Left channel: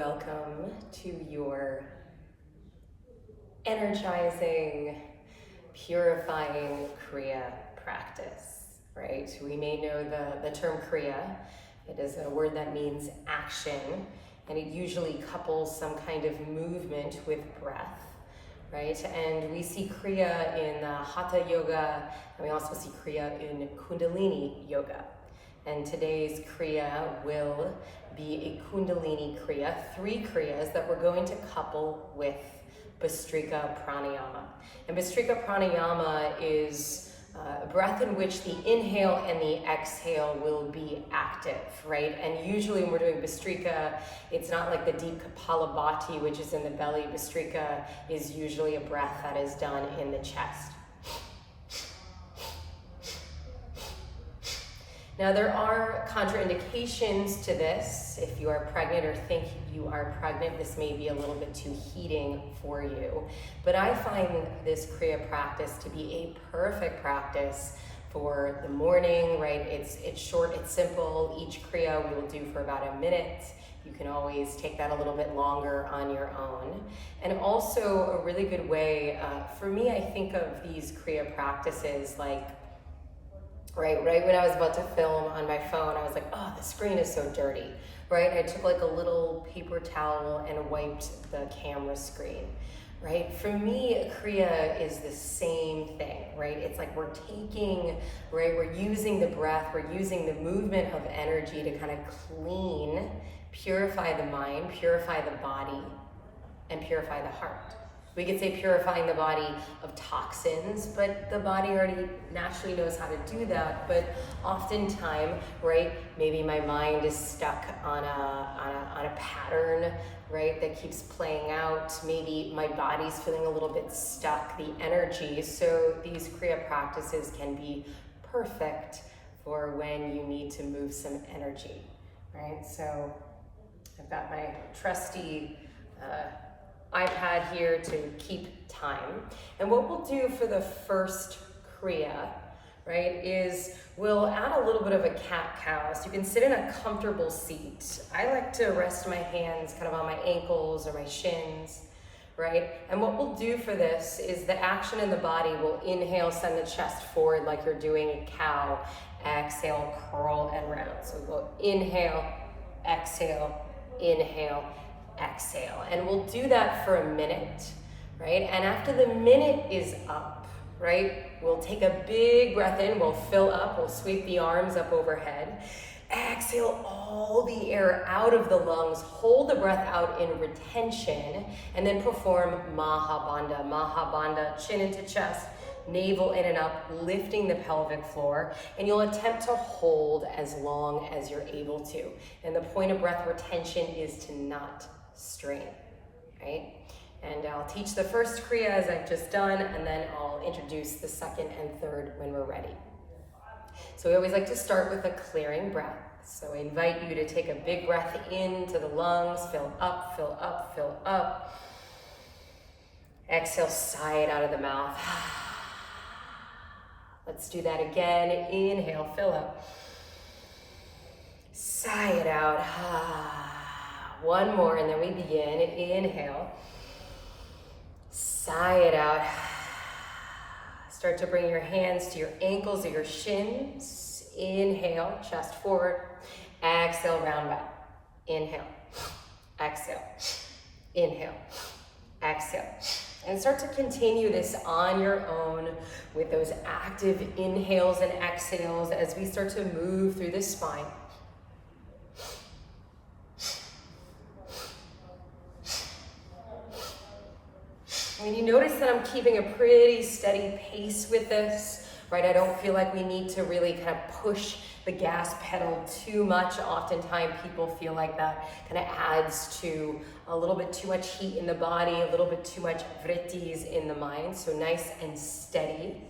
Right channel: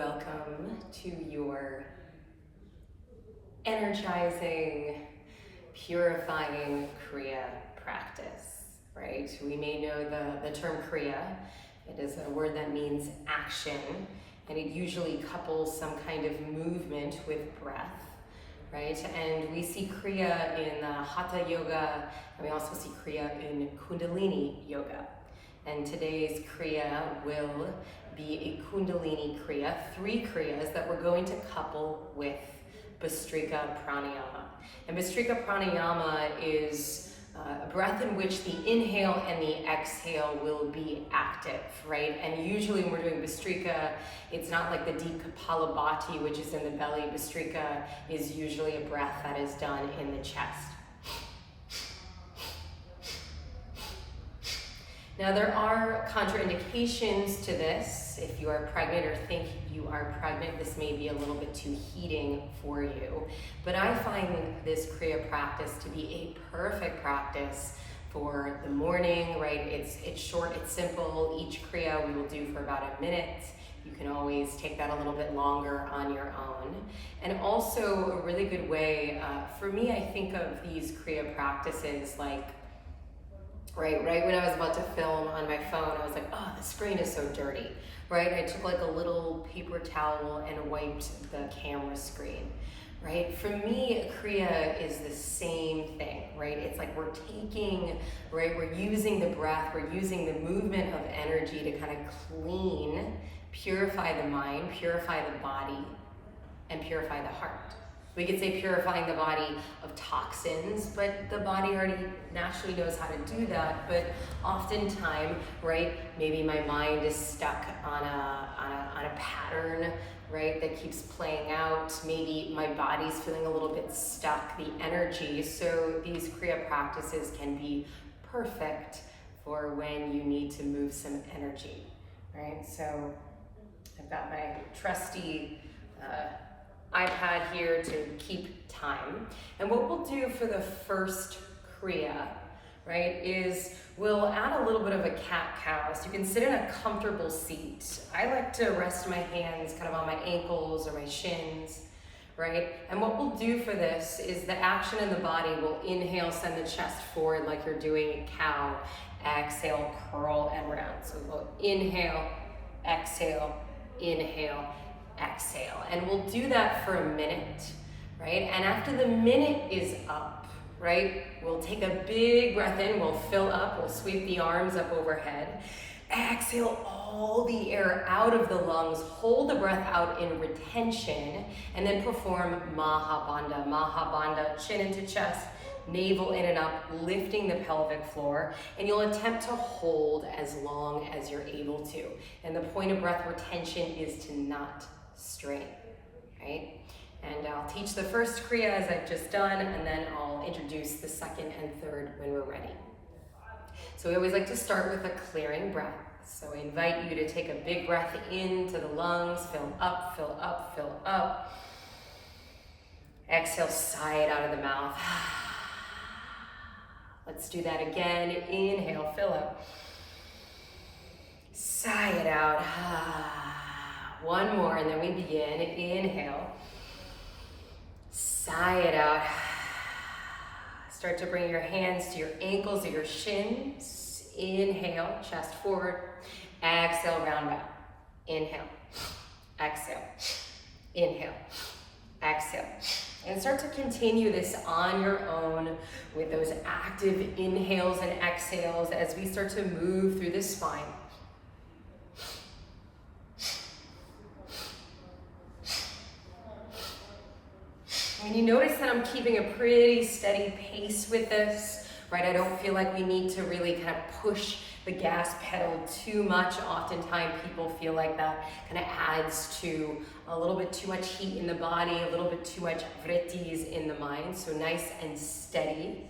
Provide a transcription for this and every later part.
Welcome to your energizing, purifying Kriya practice, right? We may know the term Kriya. It is a word that means action, and it usually couples some kind of movement with breath, right? And we see Kriya in Hatha Yoga, and we also see Kriya in Kundalini Yoga. And today's Kriya will be a Kundalini Kriya, 3 Kriyas that we're going to couple with Breathwork Pranayama. And Breathwork Pranayama is a breath in which the inhale and the exhale will be active, right? And usually when we're doing Breathwork, it's not like the deep Kapalabhati, which is in the belly. Breathwork is usually a breath that is done in the chest. Now, there are contraindications to this. If you are pregnant or think you are pregnant, this may be a little bit too heating for you. But I find this Kriya practice to be a perfect practice for the morning, right? It's short, it's simple. Each Kriya we will do for about a minute. You can always take that a little bit longer on your own. And also a really good way, for me, I think of these Kriya practices like, right when I was about to film on my phone, I was like, oh, the screen is so dirty, right? I took like a little paper towel and wiped the camera screen, right? For me, Kriya is the same thing, right? It's like we're taking, right, we're using the breath, we're using the movement of energy to kind of clean, purify the mind, purify the body, and purify the heart. We could say purifying the body of toxins, but the body already naturally knows how to do that. But oftentimes, right, maybe my mind is stuck on a pattern, right, that keeps playing out. Maybe my body's feeling a little bit stuck, the energy. So these Kriya practices can be perfect for when you need to move some energy, right? So I've got my trusty iPad here to keep time. And what we'll do for the first Kriya, right, is we'll add a little bit of a cat-cow. So you can sit in a comfortable seat. I like to rest my hands kind of on my ankles or my shins, right? And what we'll do for this is the action in the body will inhale, send the chest forward like you're doing a cow. Exhale, curl and round. So we'll inhale, exhale, exhale. And we'll do that for a minute, right? And after the minute is up, right, we'll take a big breath in, we'll fill up, we'll sweep the arms up overhead. Exhale all the air out of the lungs, hold the breath out in retention, and then perform Mahabandha. Mahabandha, chin into chest, navel in and up, lifting the pelvic floor, and you'll attempt to hold as long as you're able to. And the point of breath retention is to not strain, right? And I'll teach the first Kriya as I've just done, and then I'll introduce the second and third when we're ready. So we always like to start with a clearing breath. So I invite you to take a big breath into the lungs, fill up, fill up, fill up. Exhale, sigh it out of the mouth. Let's do that again. Inhale, fill up. Sigh it out. One more, and then we begin. Inhale. Sigh it out. Start to bring your hands to your ankles or your shins. Inhale, chest forward. Exhale, round back. Inhale. Exhale. Inhale. Exhale. And start to continue this on your own with those active inhales and exhales as we start to move through the spine. And you notice that I'm keeping a pretty steady pace with this, right? I don't feel like we need to really kind of push the gas pedal too much. Oftentimes people feel like that kind of adds to a little bit too much heat in the body, a little bit too much vrittis in the mind. So nice and steady.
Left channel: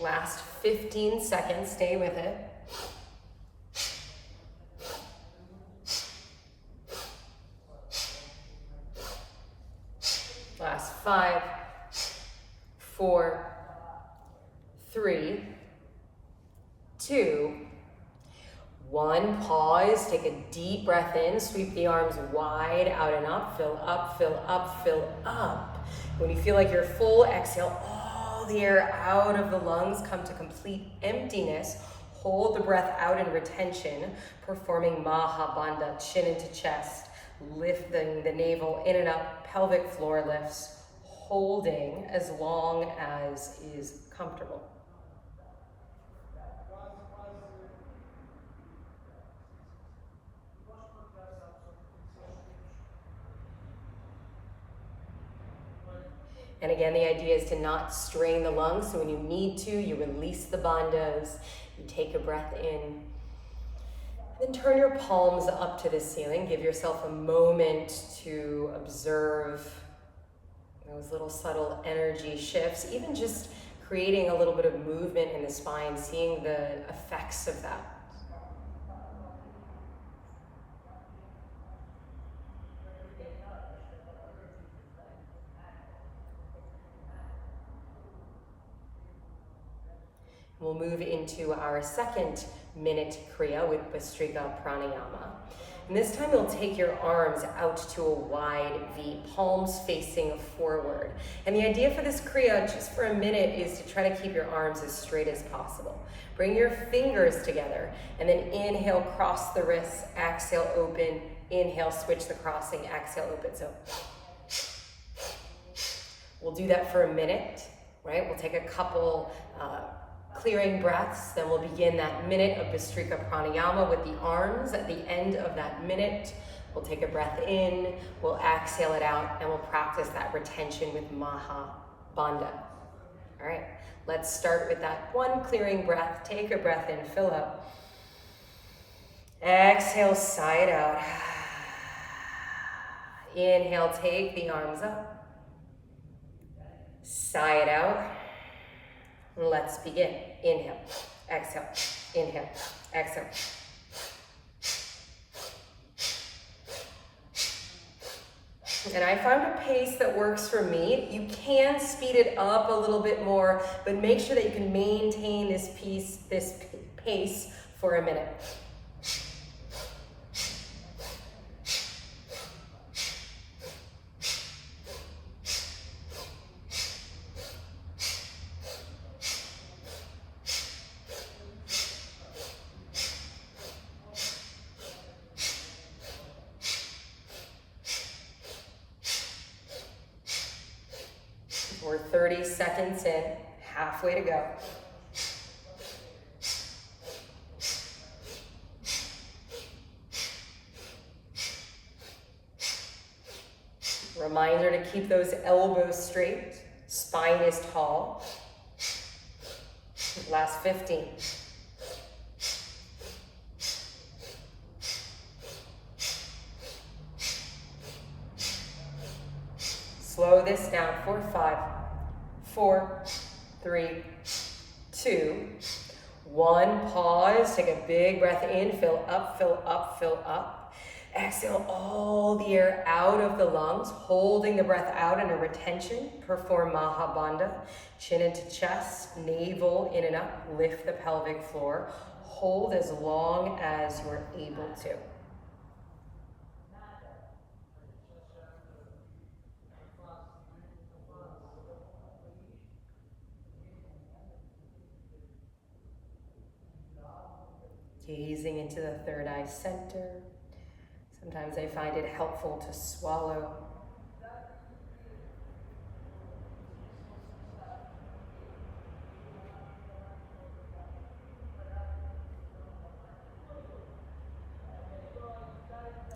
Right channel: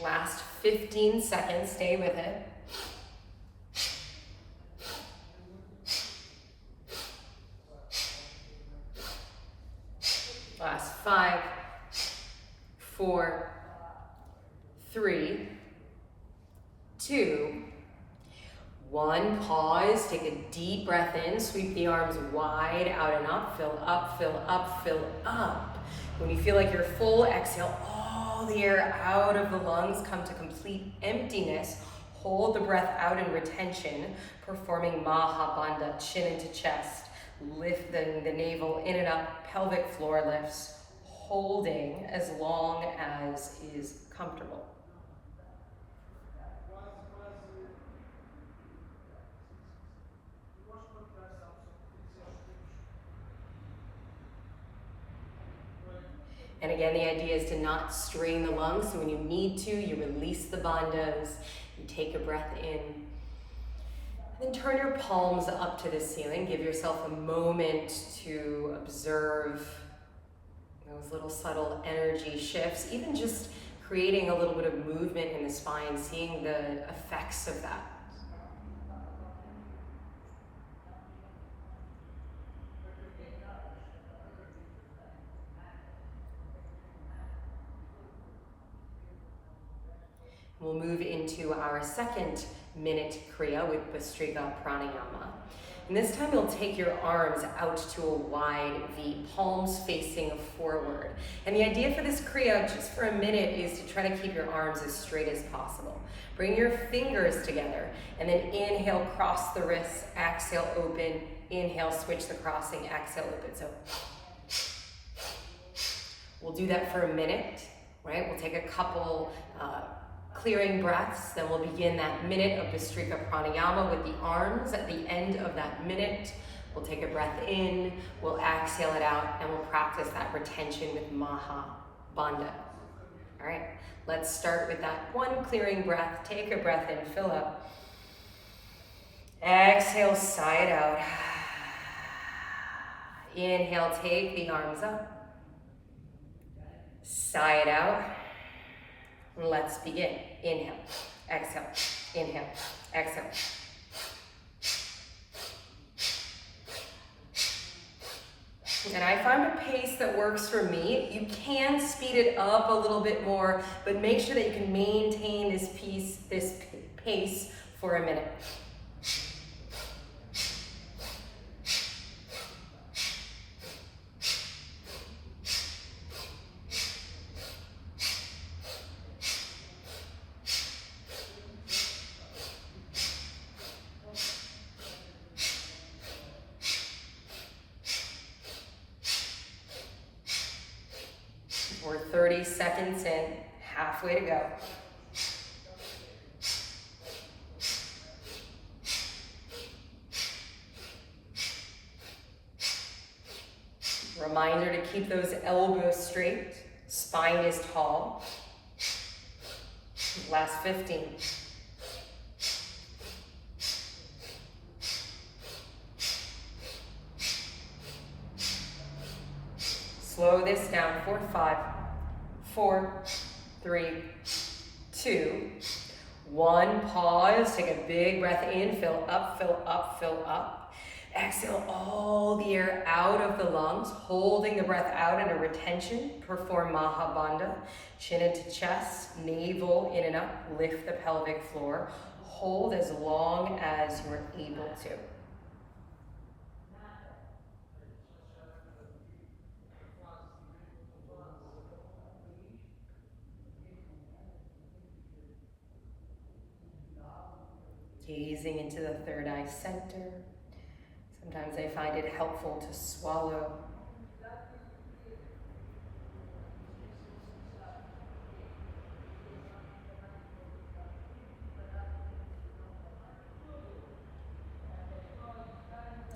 Last 15 seconds, stay with it. Last 5, 4, 3, 2, 1, pause, take a deep breath in, sweep the arms wide out and up, fill up, fill up, fill up. When you feel like you're full, exhale all the air out of the lungs, come to complete emptiness. Hold the breath out in retention, performing Maha Bandha, chin into chest, lifting the navel in and up, pelvic floor lifts, holding as long as is comfortable. And again, the idea is to not strain the lungs, so when you need to, you release the bandhas, you take a breath in. Then turn your palms up to the ceiling. Give yourself a moment to observe those little subtle energy shifts, even just creating a little bit of movement in the spine, seeing the effects of that. We'll move into our second minute Kriya with Bhastrika Pranayama. And this time you'll take your arms out to a wide V, palms facing forward. And the idea for this Kriya, just for a minute, is to try to keep your arms as straight as possible. Bring your fingers together, and then inhale, cross the wrists, exhale, open, inhale, switch the crossing, exhale, open. So we'll do that for a minute, right? We'll take a couple clearing breaths, then we'll begin that minute of Bhastrika Pranayama with the arms. At the end of that minute, we'll take a breath in, we'll exhale it out, and we'll practice that retention with Maha Bandha. All right, let's start with that one clearing breath. Take a breath in, fill up. Exhale, sigh it out. Inhale, take the arms up. Sigh it out. Let's begin. Inhale, exhale, inhale, exhale. And I found a pace that works for me. You can speed it up a little bit more, but make sure that you can maintain this pace for a minute. We're 30 seconds in, halfway to go. Reminder to keep those elbows straight, spine is tall. Last 15. Slow this down for 5, 4, 3, 2, 1. Pause, take a big breath in, fill up, fill up, fill up. Exhale all the air out of the lungs, holding the breath out in a retention. Perform Maha Bandha, chin into chest, navel in and up, lift the pelvic floor. Hold as long as you're able to. Gazing into the third eye center. Sometimes I find it helpful to swallow.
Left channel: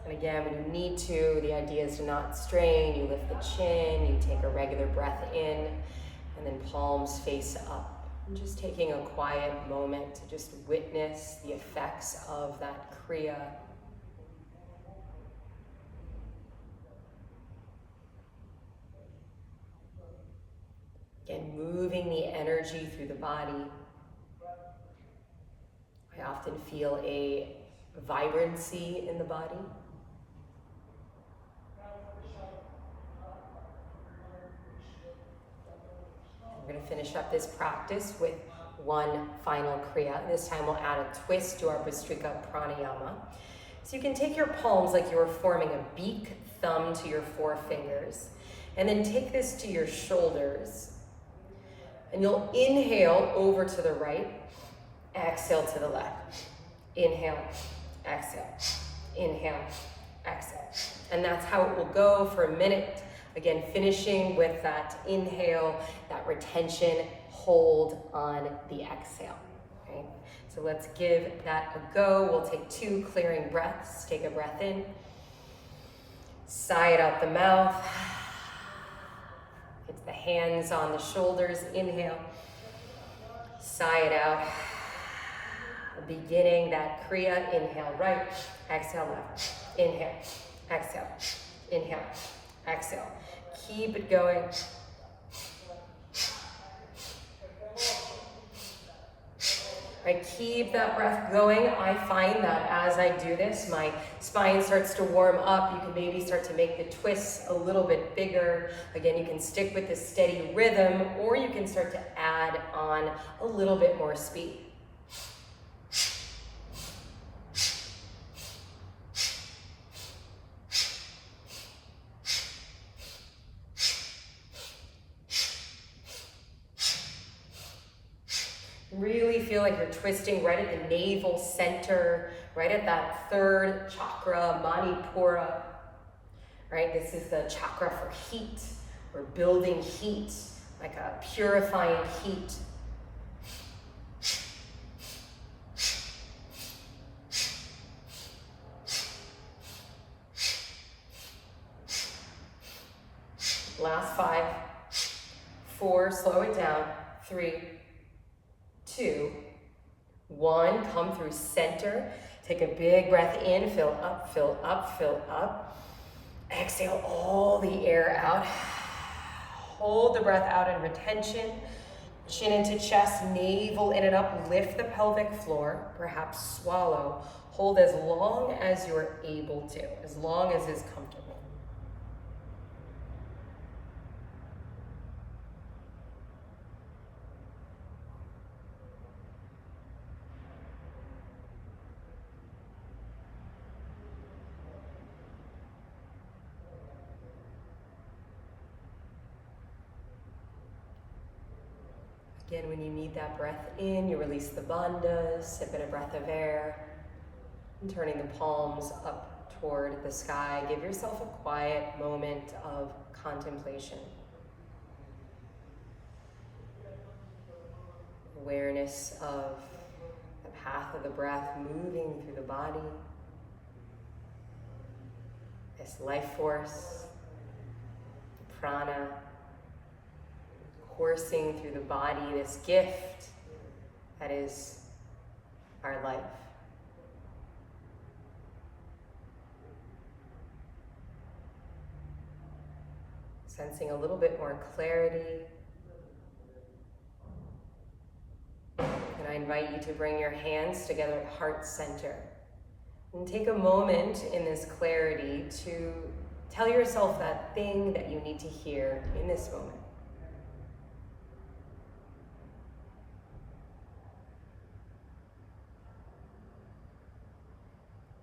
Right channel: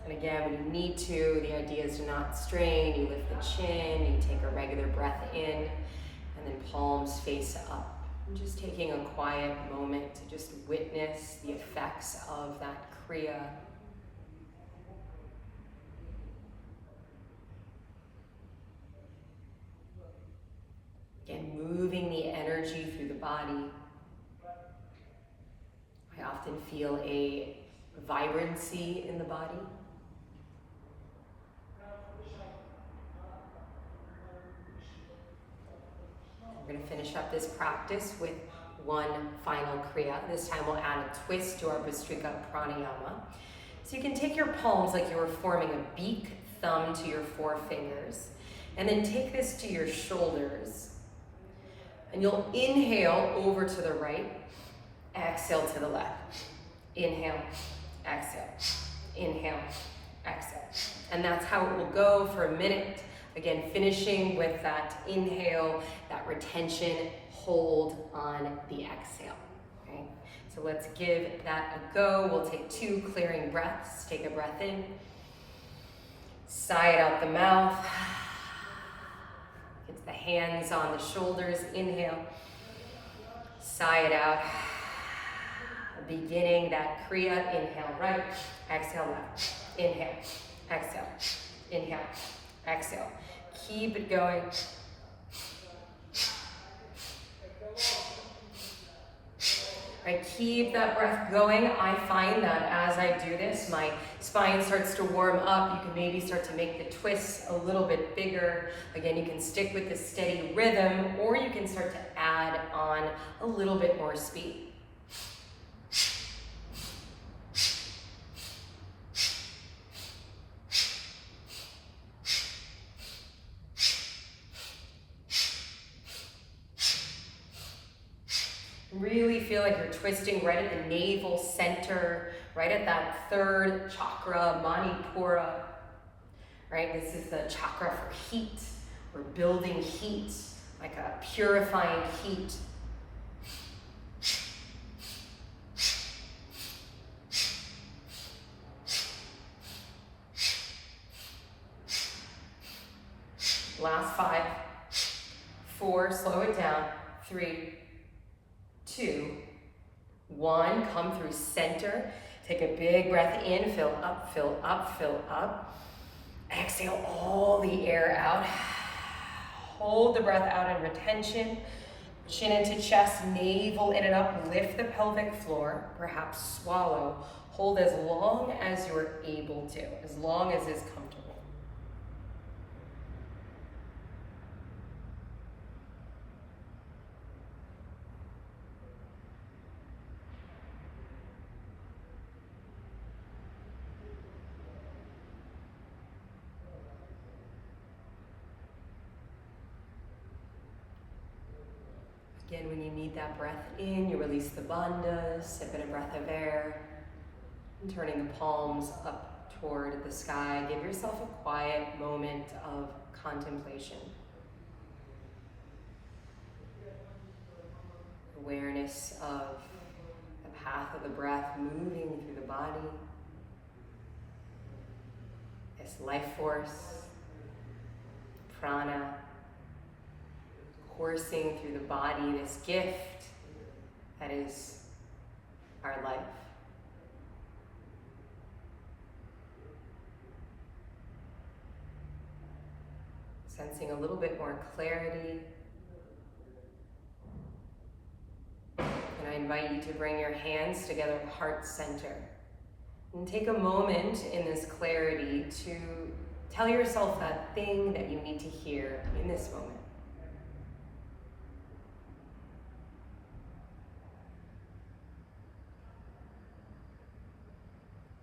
And again, when you need to, the idea is to not strain. You lift the chin, you take a regular breath in, and then palms face up. And just taking a quiet moment to just witness the effects of that Kriya. Again, moving the energy through the body. I often feel a vibrancy in the body. We're going to finish up this practice with one final Kriya. This time we'll add a twist to our Pranayama. So you can take your palms like you were forming a beak thumb to your forefingers, and then take this to your shoulders. And you'll inhale over to the right, exhale to the left. Inhale, exhale, inhale, exhale. And that's how it will go for a minute. Again, finishing with that inhale, that retention, hold on the exhale. Okay? So let's give that a go. We'll take 2 clearing breaths. Take a breath in. Sigh it out the mouth. Get the hands on the shoulders. Inhale. Sigh it out. Beginning that Kriya. Inhale right. Exhale left. Inhale. Exhale. Inhale. Exhale. Keep it going. Right, keep that breath going. I find that as I do this, my spine starts to warm up. You can maybe start to make the twists a little bit bigger. Again, you can stick with the steady rhythm, or you can start to add on a little bit more speed. Really feel like you're twisting right at the navel center, right at that 3rd chakra, Manipura. Right, this is the chakra for heat. We're building heat, like a purifying heat. Last 5, 4, slow it down, 3, 2, 1, come through center. Take a big breath in, fill up, fill up, fill up. Exhale all the air out. Hold the breath out in retention. Chin into chest, navel in and up. Lift the pelvic floor, perhaps swallow. Hold as long as you're able to, as long as is comfortable. Again, when you need that breath in, you release the bandhas, sip in a breath of air, and turning the palms up toward the sky. Give yourself a quiet moment of contemplation. Awareness of the path of the breath moving through the body. This life force, prana, coursing through the body, this gift that is our life. Sensing a little bit more clarity. And I invite you to bring your hands together at heart center. And take a moment in this clarity to tell yourself that thing that you need to hear in this moment.